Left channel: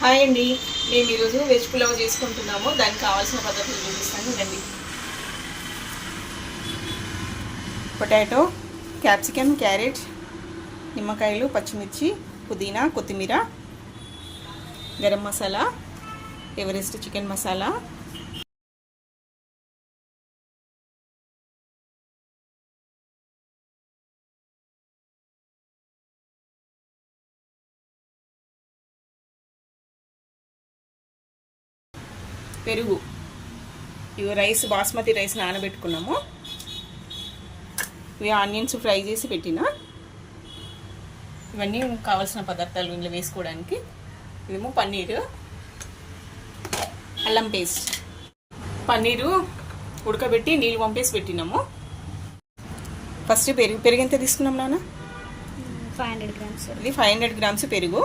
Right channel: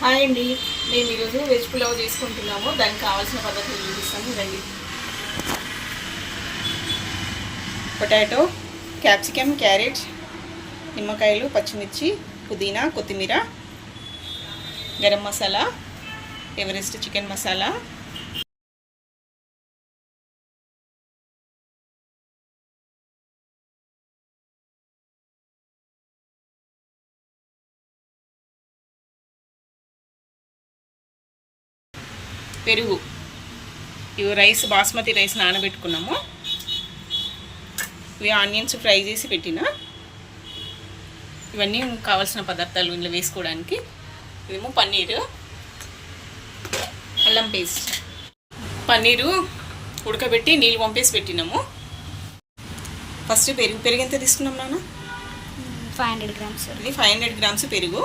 Hi అండి. మేము ఈరోజు వెజ్ పులావ్ చేసుకుంటున్నాము. దానికి కావాల్సిన పద్ధతులు చూపిస్తాను చూడండి. పొటాటో క్యాప్సికమ్ క్యారెట్ నిమ్మకాయలు పచ్చిమిర్చి పుదీనా కొత్తిమీర గరం మసాలా ఎవరెస్ట్ చికెన్ మసాలా పెరుగు. ఇవి రైస్ బాస్మతి రైస్ నానబెట్టుకున్నాము. ఇవి ఆనియన్స్ ఫ్రై చేసి పెట్టిన. ఇవన్నీ కావాల్సిన పదార్థాలు ఇందులో వేసుకోవడానికి. ఇదేమో పన్నీరు. అల్లం పేస్ట్. పన్నీరు ఉడకబెట్టి నీళ్ళు పంపేసి పెట్టినాము. ఫస్ట్ పెరుగు పెరుగు ఎంత తీసుకున్నాం నాన్న? Five hundred grams. ఇది ఫైవ్ హండ్రెడ్ గ్రామ్స్ పెరుగు.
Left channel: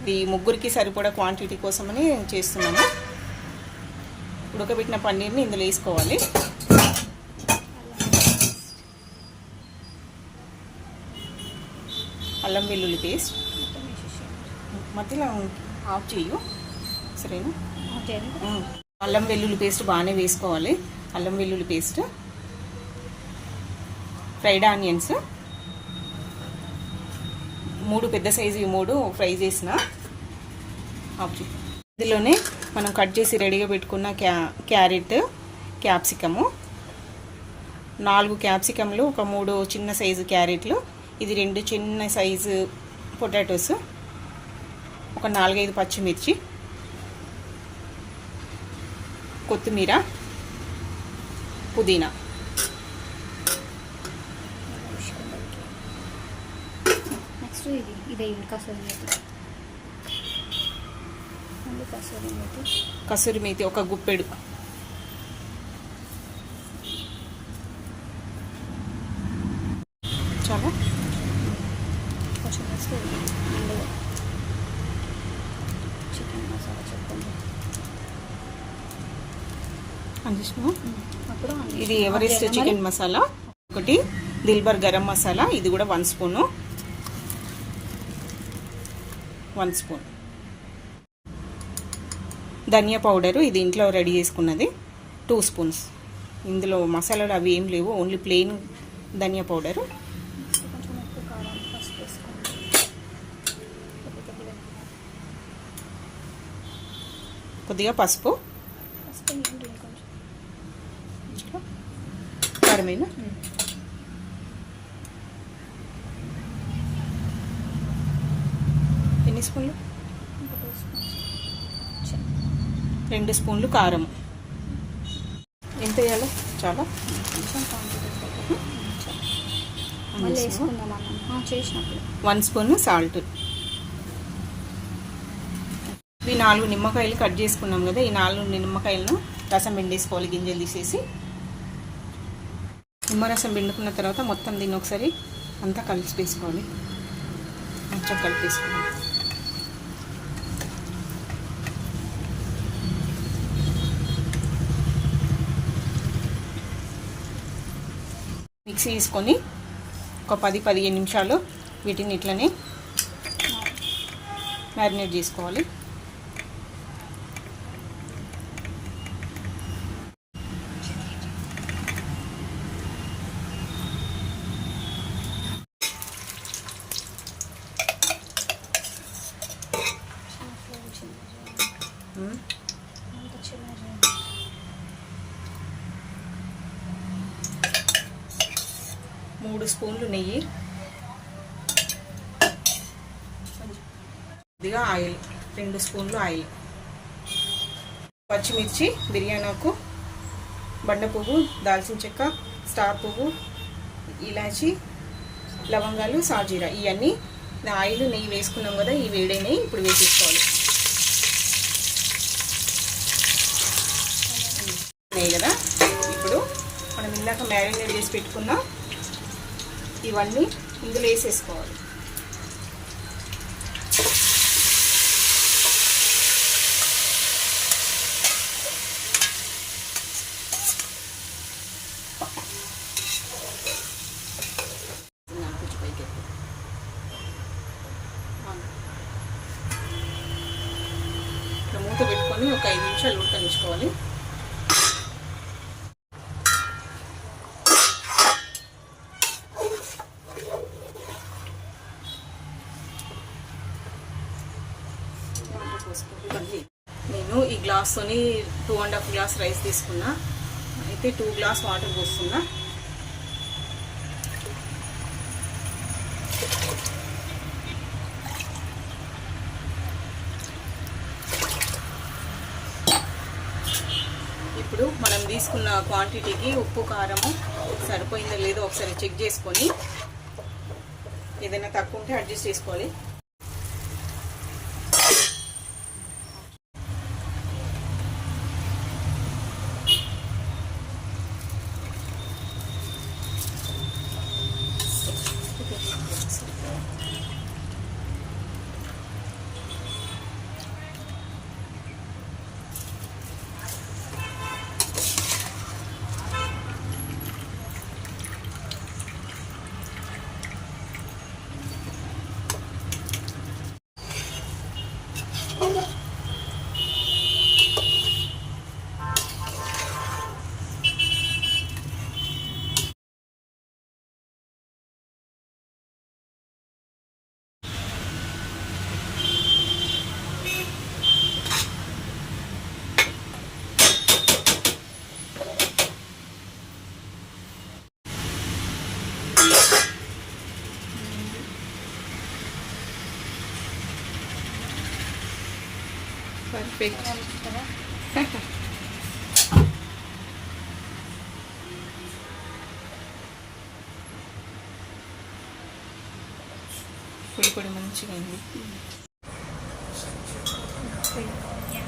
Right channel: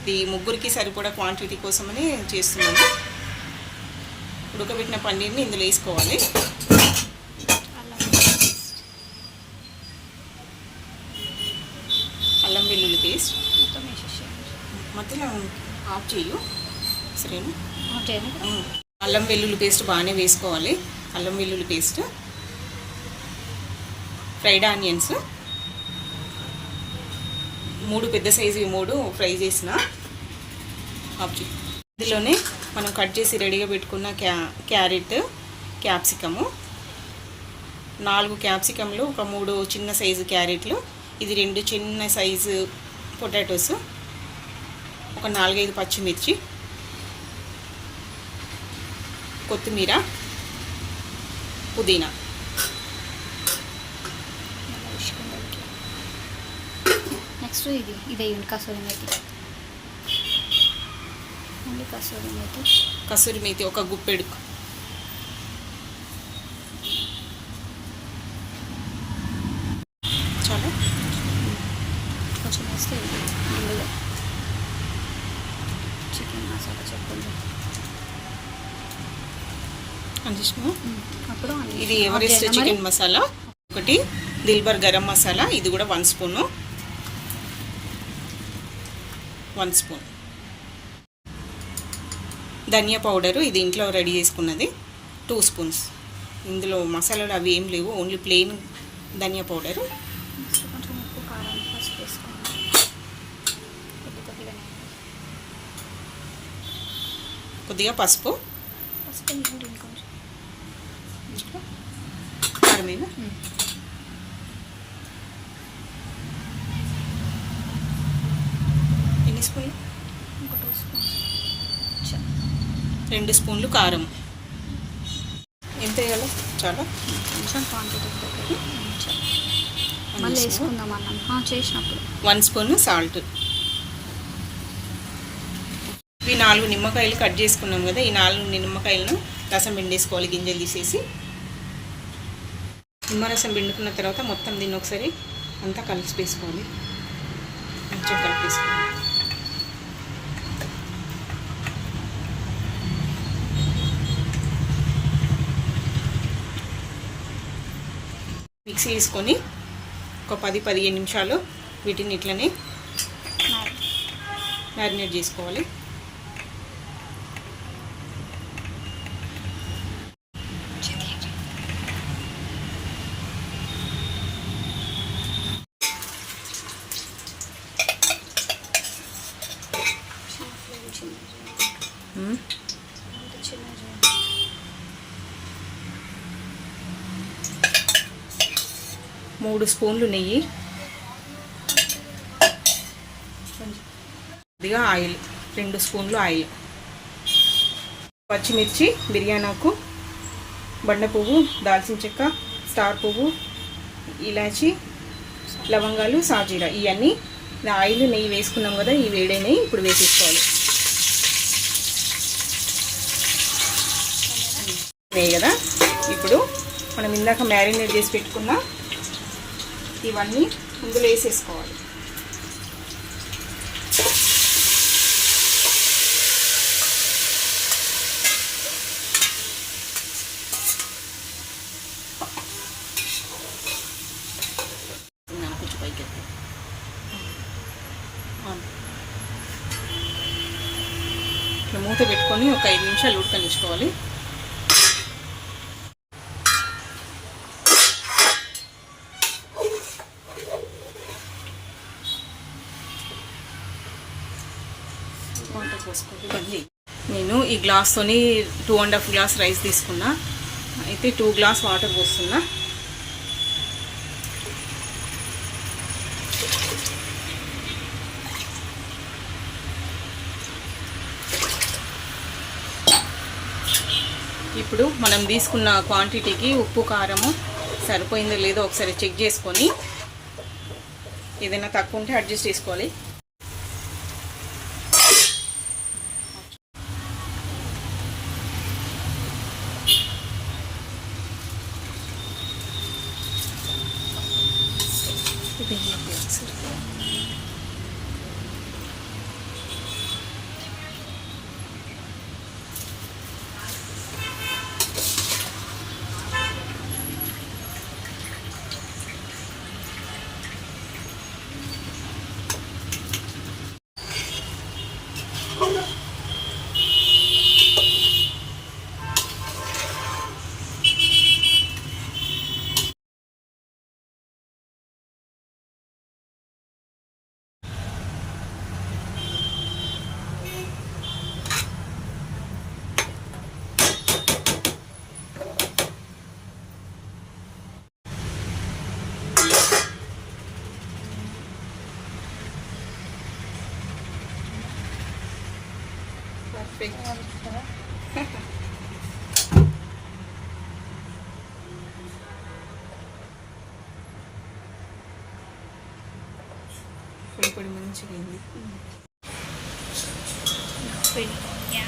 ఇది ముగ్గురికి సరిపడా క్వాంటిటీ కోసమని చేస్తున్నాము ఉడకబెట్టిన పన్నీర్ని ఇందులో వేసుకోవాలి. అల్లం వెల్లుల్లి పేస్ట్. మొత్తం మధ్యలో ఆఫ్ చేయు సరేనా? ఆఫ్ చేయండి ఉమ్. అల్లం వెల్లుల్లి పేస్ట్ బాగానే వేసుకోవాలి. అల్లం వెల్లుల్లి పేస్ట్. Fried onions. మూడు పెద్ద సైజు మూడు ఫ్రై చేసిన. ఆఫ్ చేయి. ఇందులోనే మనం కట్ చేసి రెడీగా పెట్టుకున్న క్యా క్యారెట్ క్యాప్సికము. నాలుగు క్యాప్సికమ్లు ఒక మూడు చిన్న సైజు క్యారెట్లు. ఇది రెండు చిన్న సైజు పొటాటోస్. ఒక నాలుగైదు పచ్చిమిర్చి. కొత్తిమీర. పుదీనా. నెక్స్ట్ ఇది ఇదే కసూరి ఓన్లీ కసూరి మేతి. కసూరి మేతి ఒక గుప్పెడు చాలు. కొంచెం వేస్తే అందులో చికెన్ మసాలా చెప్పండి. అప్పుడు అన్ని ఇది ఎవరెస్ట్? చికెన్ మసాలా? ఒకటి దిల్బర్ గరం మసాలా. ఇది కూడా వన్ స్పూను. One spoon. ధనియా పౌడరు ఇది ఇంట్లో రెడీ చేసుకున్నది. టూ స్పూన్స్ ఇందులో మసాలాలు అవి ఏం లేవు ఓన్లీ ప్లెయిన్ ధనియా పౌడరు. కొద్దిగా పసుపు. కారమేనా ఎన్ని స్పూన్లు? ఒక టూ స్పూన్స్ రెండు స్పూన్లు కారం. ఎంత వేయాలి చాలా? కొంచెం క్వాంటిటీ కొంచెం మళ్ళీ వేసుకుందాం అన్నం. ఆ, చేసినప్పుడు. One spoon salt. ఇవి నాలుగు నిమ్మకాయలు కట్ చేసుకున్నాం కదా ఈ నాలుగు నిమ్మకాయలను రసం పిండేసుకోవాలి గింజలు తీసేసి. నిమ్మరసం పిండుకున్న తర్వాత మొత్తం దీన్ని ఒకసారి అంతా కలిసి వేసుకోవాలి. మంచిగా కలిపేసుకోవాలి మిక్సీ తీసుకొని ఒక పది పదిహేను నిమిషాలు వీటిని ఇట్లనే మ్యారినేట్ చేసుకోవాలి మ్మ్. మూడు స్పూన్లు నెయ్యి. కొద్దిగా ఆయిల్ రెండు స్పూన్లు ఆయిల్. పచ్చిమిర్చి బిర్యానాకు బండ పువ్వు దాల్చిన చెక్క స్టార్ పువ్వు ఇలాచి లవంగాలు సాజీరా. ఇవన్నీ ఆయిల్ నెయ్యి వేసుకున్నాం కదా ఈ వేడైనవి ఇప్పుడు వేసేసుకోవాలి. నెయ్యి కదా? ఇప్పుడు మనం ఇందాక మ్యారినేట్ చేసి పెట్టుకున్న ఇవన్నీ ఇందులో వేసేసుకోవాలి. మూత పెట్టుకొని ఒక ఐదు నిమిషాలు ఉడకనిచ్చుకోవాలి. వాటర్ నేను ఈ గ్లాస్తోని two and half glass rice తీసుకున్నా. అయితే టూ గ్లాస్ వాటర్ పోస్తున్నా. ఇప్పుడు మనం తీసుకున్న క్వాంటిటీకి ఉప్పు కారము సరిపోయిందో లేదో ఒకసారి చెక్ చేసుకొని ఏదైనా తక్కువ ఉంటే అడ్జస్ట్ చేసుకోవాలి. పర్ఫెక్ట్ పొడి పొడి మంచిగా అయింది యా